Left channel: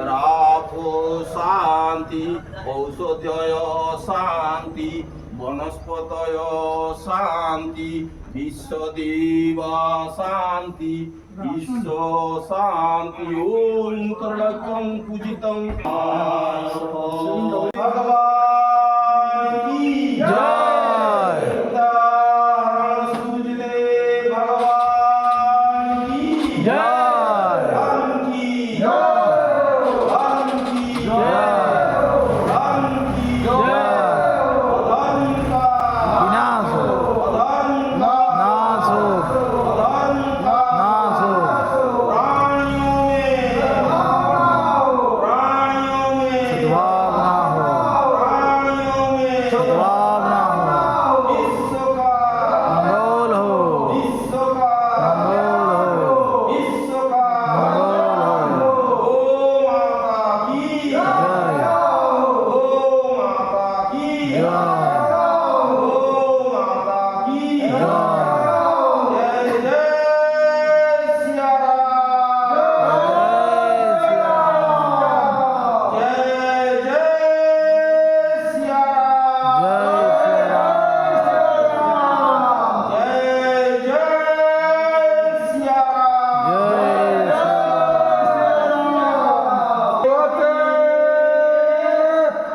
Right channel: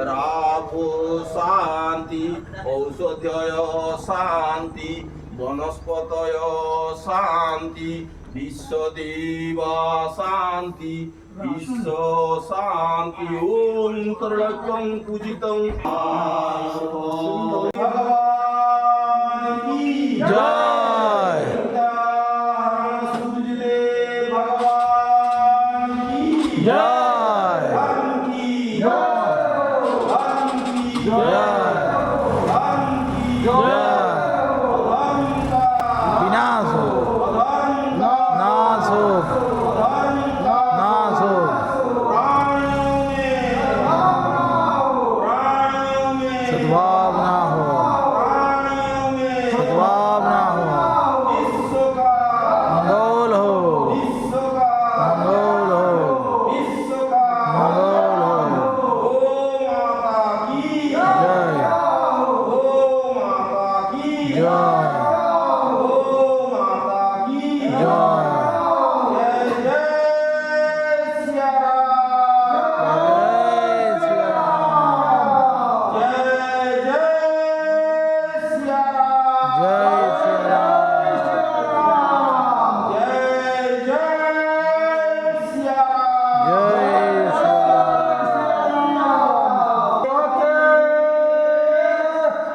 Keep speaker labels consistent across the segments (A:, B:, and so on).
A: রাফো শান্তি ঔষধয় শান্তি বনস্পতয় শান্তি বিশ্বদেবা শান্তি বিশ্ব শান্তি ওম করলকং পূজিতং ভগবান
B: জয় জয় জয়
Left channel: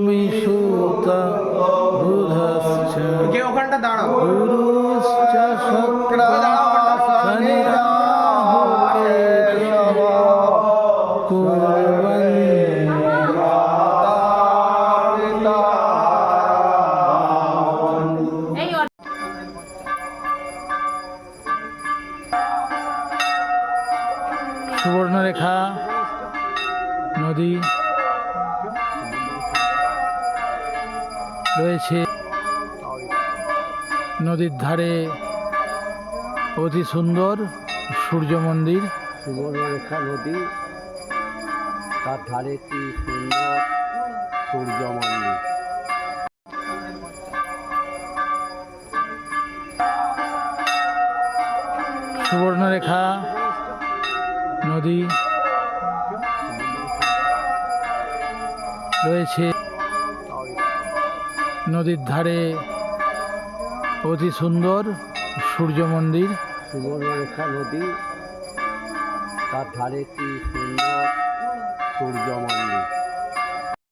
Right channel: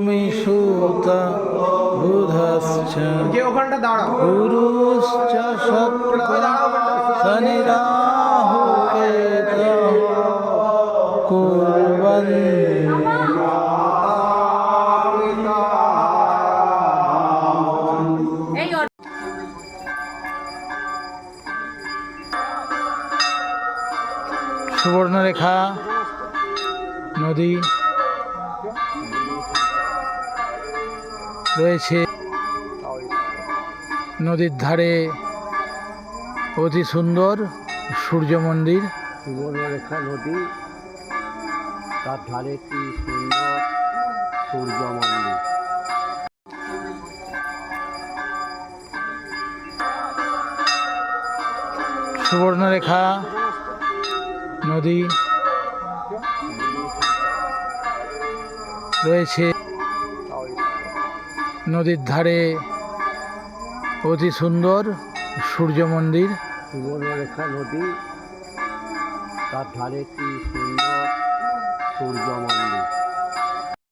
B: তুমি সুতা বুধশ্চ।
C: ওখানটা দাঁড়াও।
B: গুরুশ্চ সপ্তা শনিরাহু
D: কেত কুলবন্তা
B: সুবর্ণরেখা নদী। রয়েছে। নদীর ধারে অতি সুন্দর সূর্য মন্দির।
C: সুবর্ণরেখা নদী তার ধারে একটি সুন্দর সূর্য মন্দির।
B: সুবর্ণরেখা নদী রয়েছে। নদীর ধারে অতি সুন্দর সূর্য মন্দির।
C: সুবর্ণরেখা নদী তার ধারে একটি সুন্দর সূর্য মন্দির।